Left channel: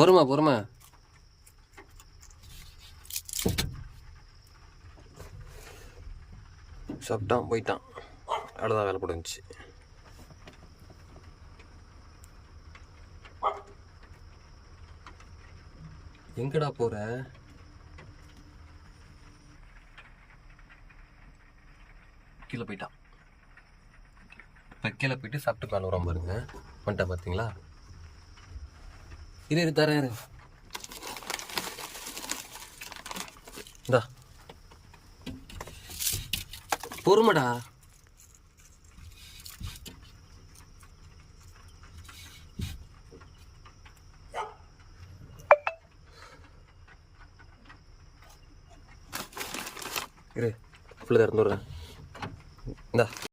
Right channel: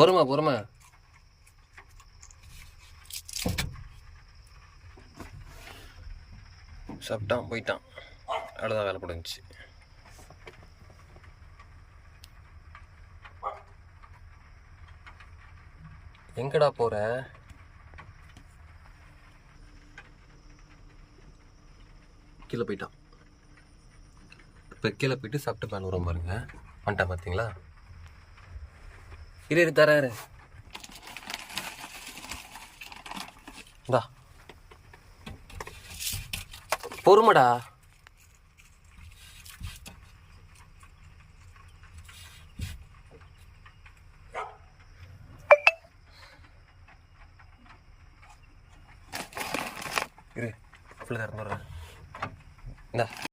பொறுமை பொறுமை. சாப்பிட்டான் போயிட்டான். அவ்வளோதான், வேலை முடிஞ்சிச்சு. எங்கடா போற? கீழே போயிட்டான். இப்போ கீழே போயிட்டு சாப்பிட்டு மேலே வர பாருங்க. வந்துட்டான் பார்த்தீங்களா? இரு தரேன். இந்தா பொறுமடா. இரு, அப்படி தான் இருந்துடுறேன். இந்தா